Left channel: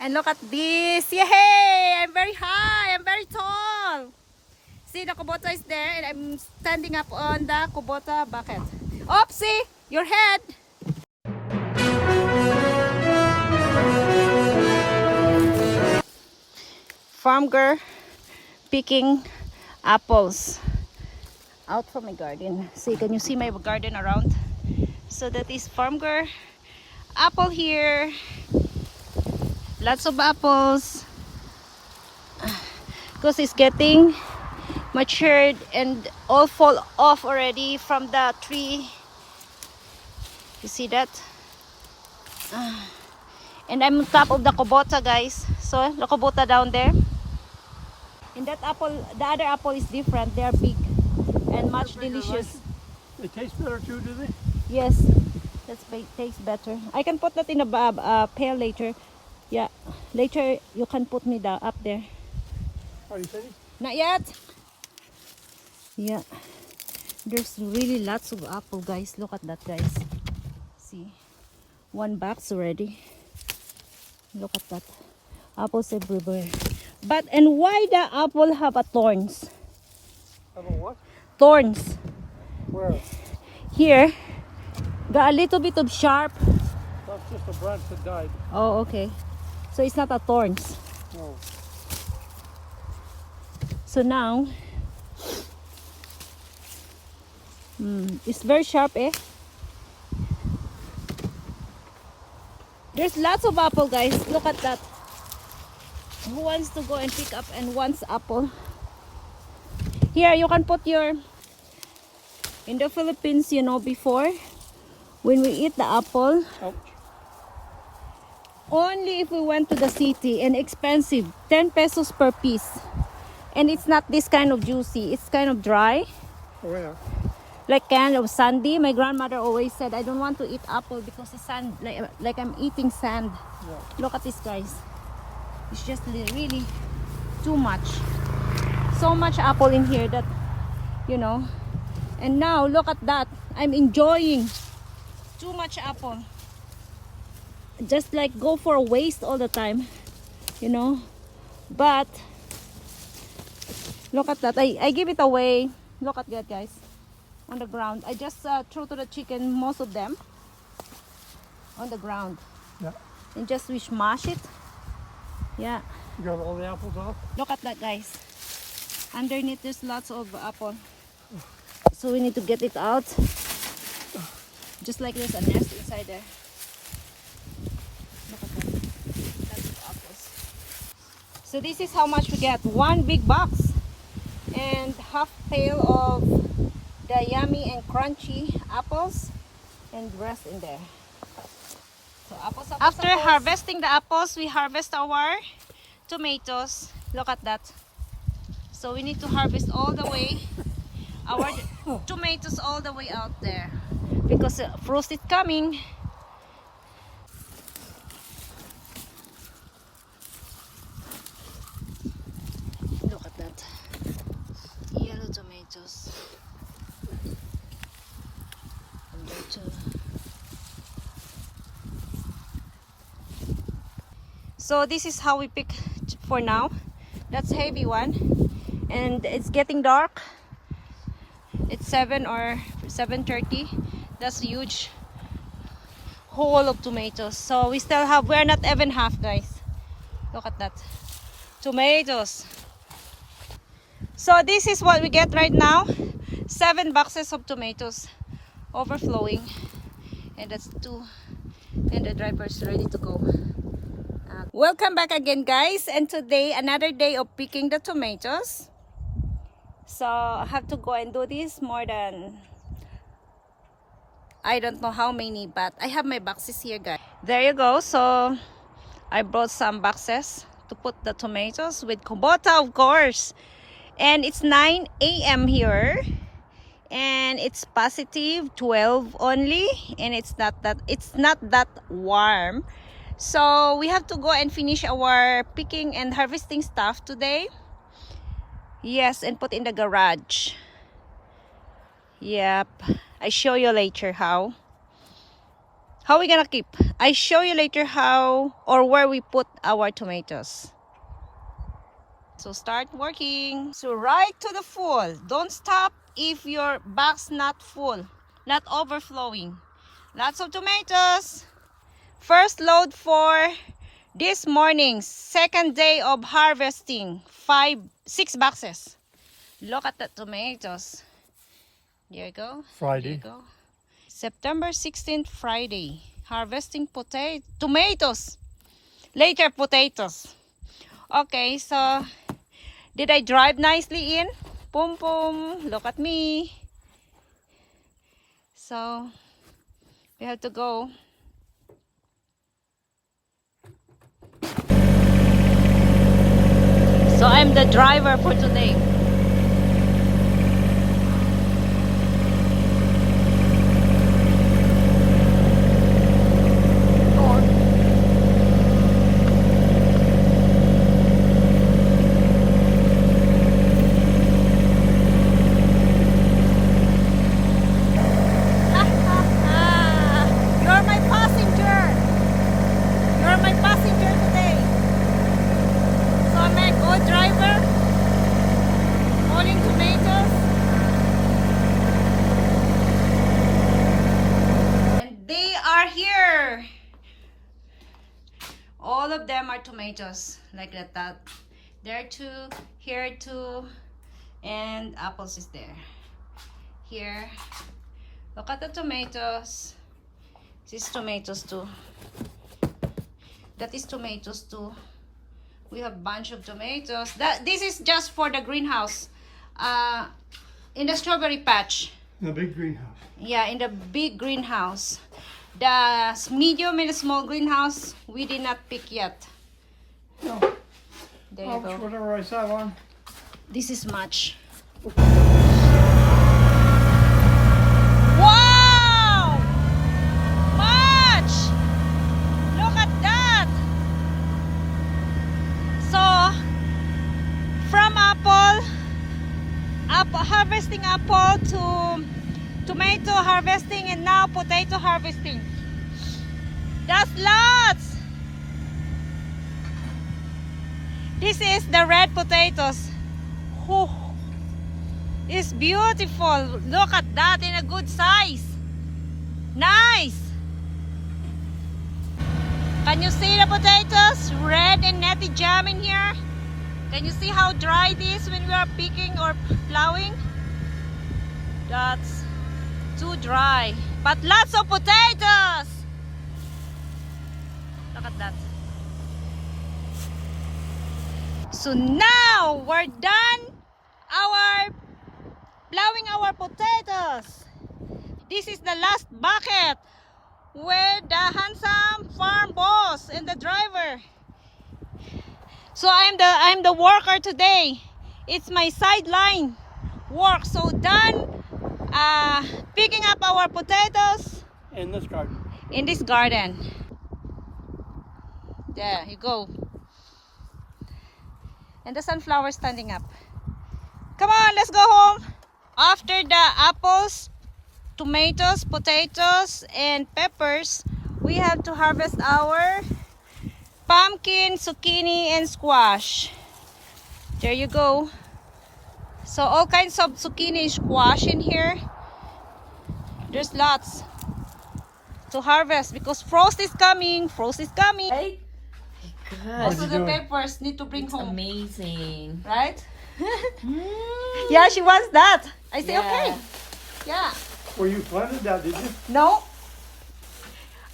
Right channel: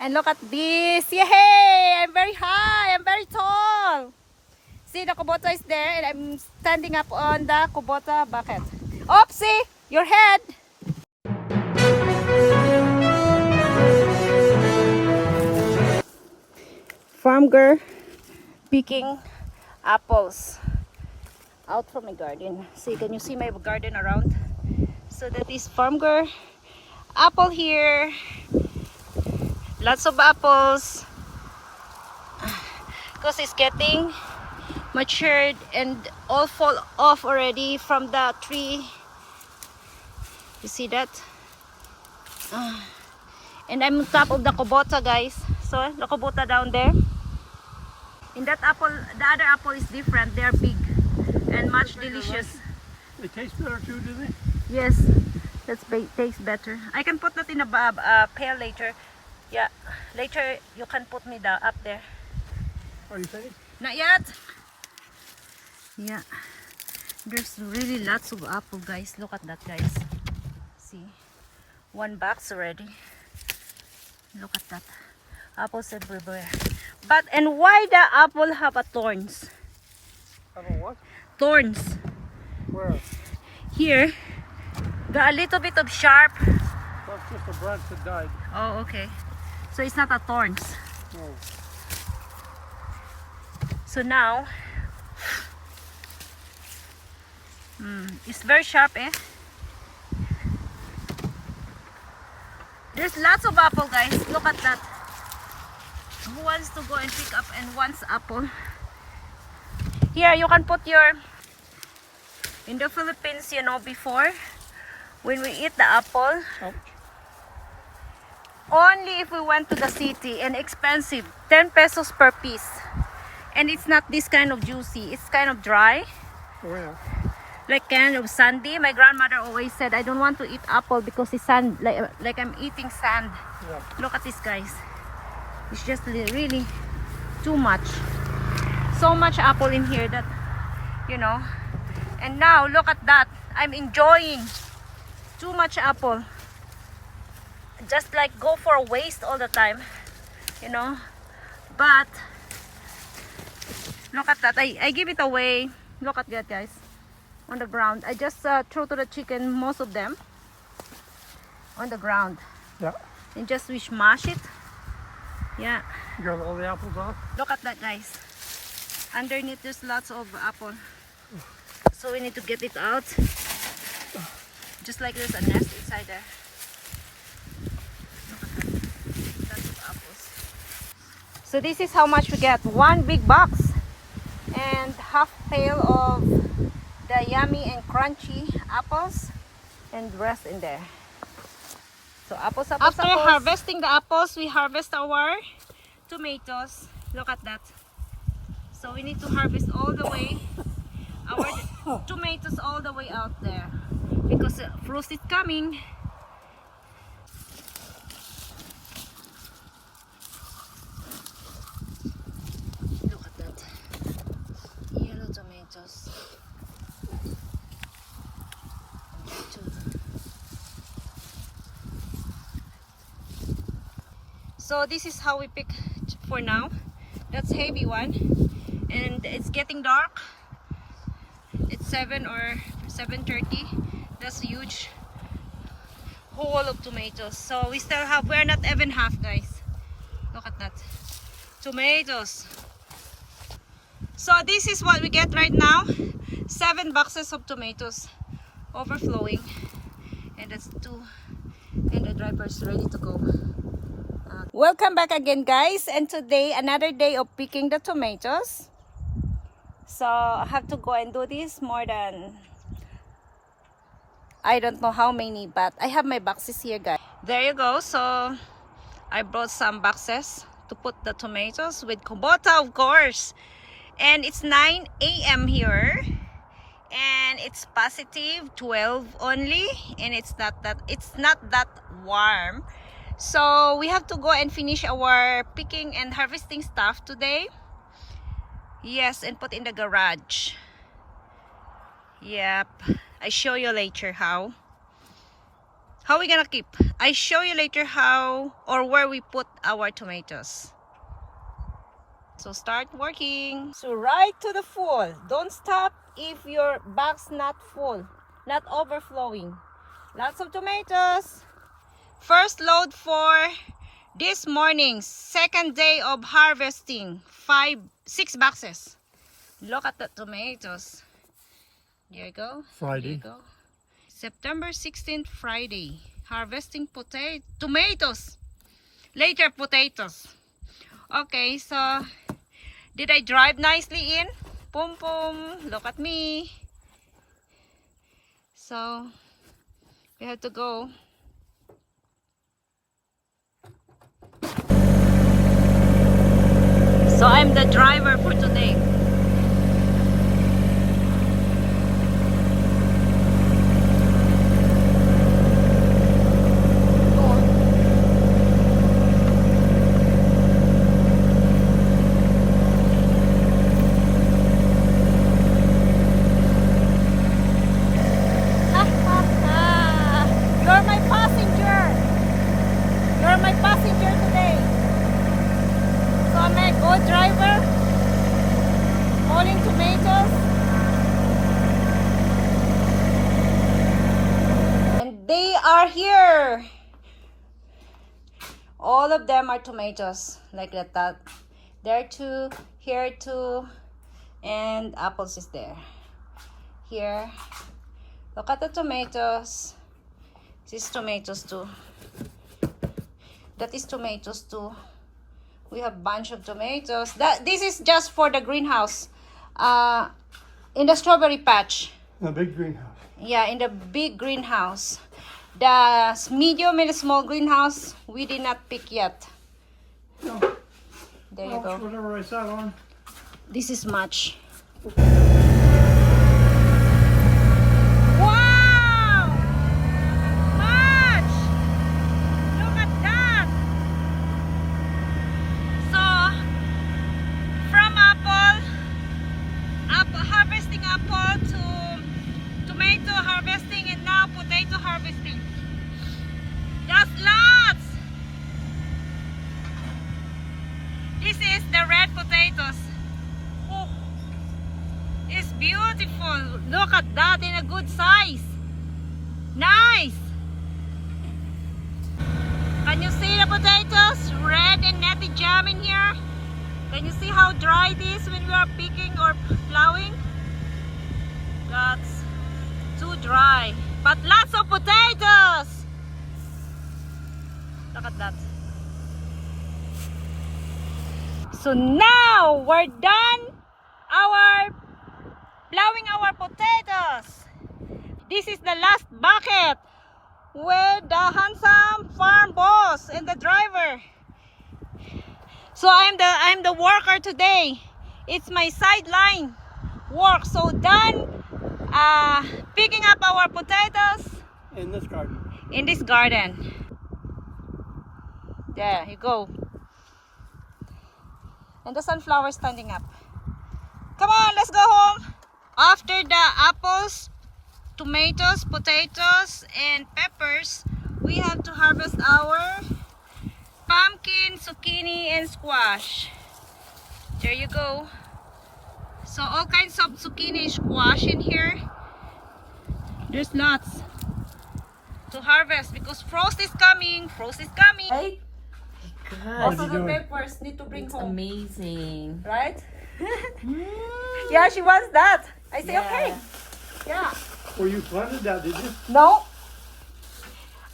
And look at this. Yay! I'm very high. I'm very tall. See, the kubota is there and I'm standing up on the kubota bucket. Oopsie! Your head! Farm girl picking apples out from my garden. See, can you see my garden around? So that is farm girl apple here. Lots of apples because it's getting matured and all fall off already from the tree. You see that? And I'm on top of the kubota, guys. So the kubota down there. And that apple, the other apple is different. They are big and much delicious. They taste better too, do they? Yes, that's tastes better. I can put that in a pail later. Yeah, later you can put me up there. Are you finished? Not yet. Yeah, there's really lots of apple, guys. Look at that, guys. See, one box already. Look at that. Apples everywhere. But and why the apple have a thorns? Have a what? Thorns. Where? Here, got a little bit of sharp. That's just a branch that died. Oh, okay. So it's not a thorns. No. So now, it's very sharp, eh? There's lots of apple, guys. Look at that. Who wants to go and pick up and wants apple? Here, you can put your... In the Philippines, you know, before, when we eat the apple, Ouch. only if we went to the city and expensive, 10 pesos per piece. And it's not this kind of juicy, it's kind of dry. Oh yeah. Like kind of sandy. My grandmother always said, I don't want to eat apple because it's sand, like I'm eating sand. Yeah. Look at this, guys. It's just really too much. So much apple in here that, you know. And now, look at that. I'm enjoying too much apple. Just like go for a waste all the time, you know. But, look at that. I give it away. Look at that, guys. On the ground. I just throw to the chicken most of them on the ground. Yeah. And just we smash it. Yeah. You got all the apples off? Look at that, guys. Underneath there's lots of apple. So we need to get it out. Just like there's a nest inside there. Look at that. Lots of apples. So this is how much we get. One big box. And half pail of the yummy and crunchy apples. And the rest in there. So apples, apples, After apples. harvesting the apples, we harvest our tomatoes. Look at that. So we need to harvest all the way our tomatoes all the way out there because frost is coming. Look at that. Yellow tomatoes. So this is how we pick for now. That's heavy one, and it's getting dark. It's 7 or 7:30. That's huge hole of tomatoes. So we still have, we're not even half, guys. Look at that. Tomatoes. So this is what we get right now. 7 boxes of tomatoes overflowing. And that's 2. And the driver's ready to go. Welcome back again, guys, and today another day of picking the tomatoes. So I have to go and do this more than I don't know how many, but I have my boxes here, guys. There you go. So I brought some boxes to put the tomatoes with kubota, of course. And it's 9 a.m. here, and it's positive 12 only, and it's not that warm. So we have to go and finish our picking and harvesting stuff today. Yes, and put in the garage. Yep, I show you later how How we gonna keep? I show you later how or where we put our tomatoes. So start working. So right to the full. Don't stop if your bag's not full, not overflowing. Lots of tomatoes. First load for this morning, second day of harvesting. 6 boxes. Look at the tomatoes. There you go. Friday. There you go. September 16th, Friday. Harvesting tomatoes. Later, potatoes. Okay, so did I drive nicely in? Boom, boom. Look at me. So we have to go. So I'm the driver for today. You're my passenger. You're my passenger today. So I'm a good driver. Hauling tomatoes. And they are here. All of them are tomatoes. Like that. There two, here two, and apples is there. Here. Look at the tomatoes. This is tomatoes too. That is tomatoes too. We have bunch of tomatoes. This is just for the greenhouse. In the strawberry patch. A big greenhouse. Yeah, in the big greenhouse. The medium and the small greenhouse, we did not pick yet. Oh, There you go. whatever I sat on. This is much. Harvesting apple to tomato harvesting and now potato harvesting. That's lots. This is the red potatoes. Whew. It's beautiful. Look at that in a good size. Nice. Can you see the potatoes? Red and nutty jam in here. Can you see how dry it is when we are picking or plowing? That's too dry. But lots of potatoes! Look at that. So now we're done plowing our potatoes. This is the last bucket with the handsome farm boss and the driver. So I'm the worker today. It's my sideline work. So done picking up our potatoes In this garden. in this garden. There you go. And the sunflower standing up. Come on, let's go home. After the apples, tomatoes, potatoes, and peppers, we have to harvest our pumpkin, zucchini, and squash. There you go. So all kinds of zucchini, squash in here. There's lots to harvest because frost is coming. Frost is coming. Right? Also the peppers need to bring home. Amazing. Right? Yeah, she wants that. I said okay. Yeah. Well, you planted that, did you? No.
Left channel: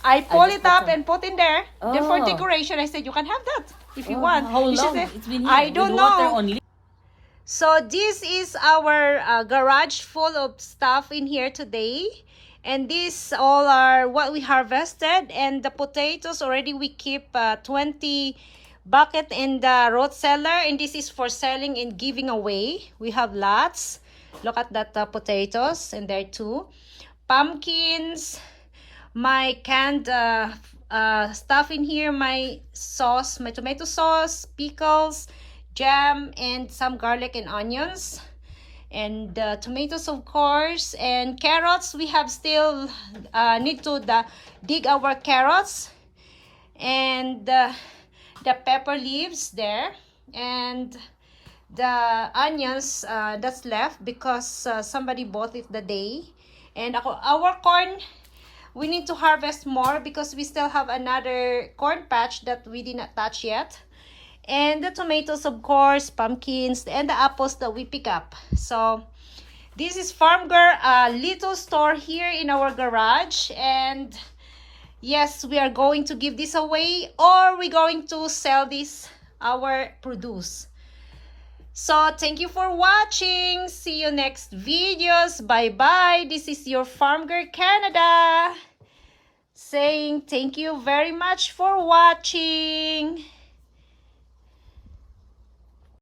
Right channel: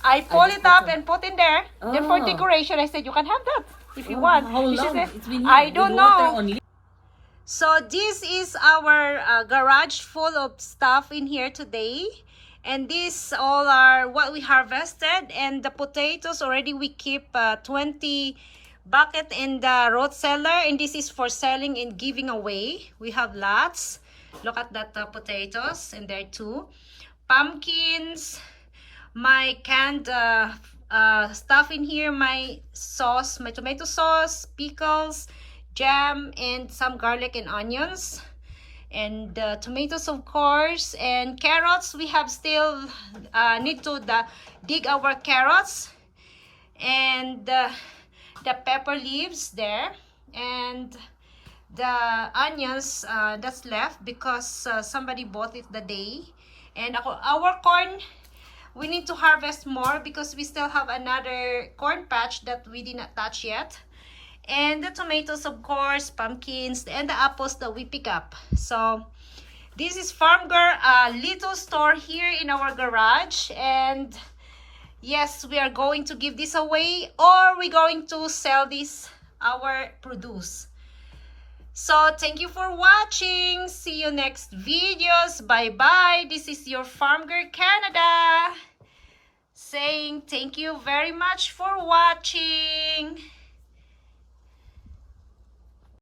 I pull it up and put in there. Then for Oh. decoration, I said you can have that if you want. How And she long? said, It's been here I don't with water know. only. So this is our garage full of stuff in here today. And these all are what we harvested. And the potatoes already we keep 20 bucket in the road cellar. And this is for selling and giving away. We have lots. Look at that potatoes and there too. Pumpkins. My canned stuff in here. My sauce. My tomato sauce. Pickles. Jam and some garlic and onions. and tomatoes, of course, and carrots. We have still need to dig our carrots, and the pepper leaves there, and the onions that's left because somebody bought it the day. And our corn, we need to harvest more because we still have another corn patch that we did not touch yet. And the tomatoes, of course, pumpkins, and the apples that we pick up. So this is Farm Girl, a little store here in our garage. And yes, we are going to give this away, or we're going to sell this, our produce. So thank you for watching. See you next videos. Bye bye. This is your Farm Girl Canada saying thank you very much for watching.